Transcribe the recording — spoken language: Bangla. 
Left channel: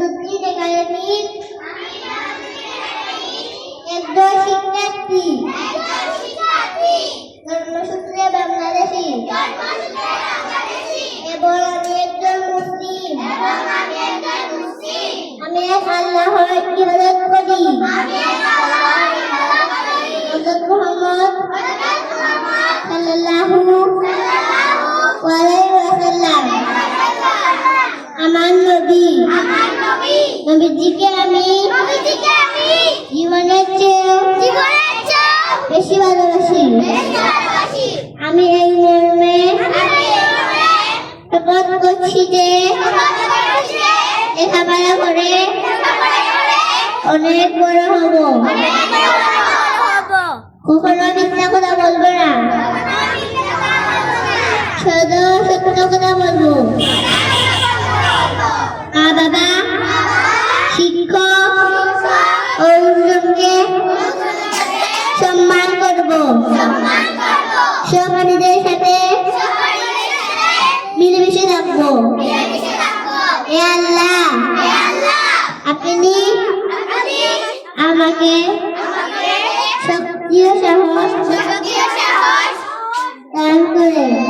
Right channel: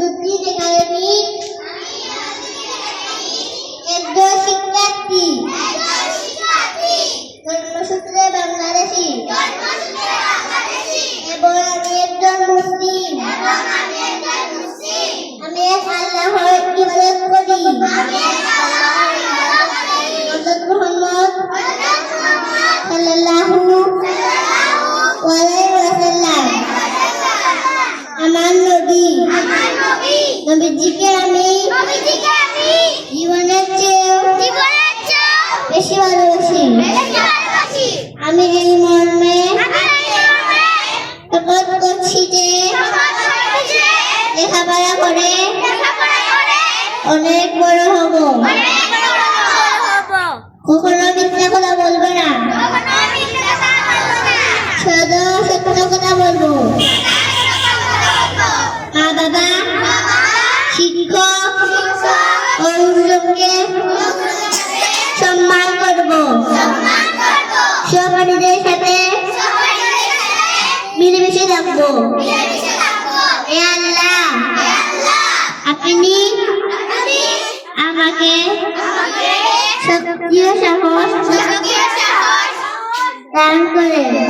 দুধ একাডেমির একজন শিক্ষার্থী জন্মসূত্রে বাংলাদেশী এবং আমি একজন মুসলিম। আমি আল্লাহর ইবাদত করি। হযরত মুহাম্মদ সাল্লাল্লাহু আলাইহি ওয়াসাল্লাম আমার নবী। নবীজিকে আমি জীবনের চেয়েও বেশি ভালোবাসি। আমি এই মর্মে শপথ করছি যে লেখাপড়া করে অনেক বড় হব, কখনো মিথ্যা কথা বলবো না, শুধু সত্য কথা বলবো। মা বাবা, শিক্ষক ও গুরুজনকে সম্মান করব। সহপাঠীদের সাথে মিলেমিশে থাকবো। হে আল্লাহ, আপনি আমাকে শক্তি ও সাহস দান করেন।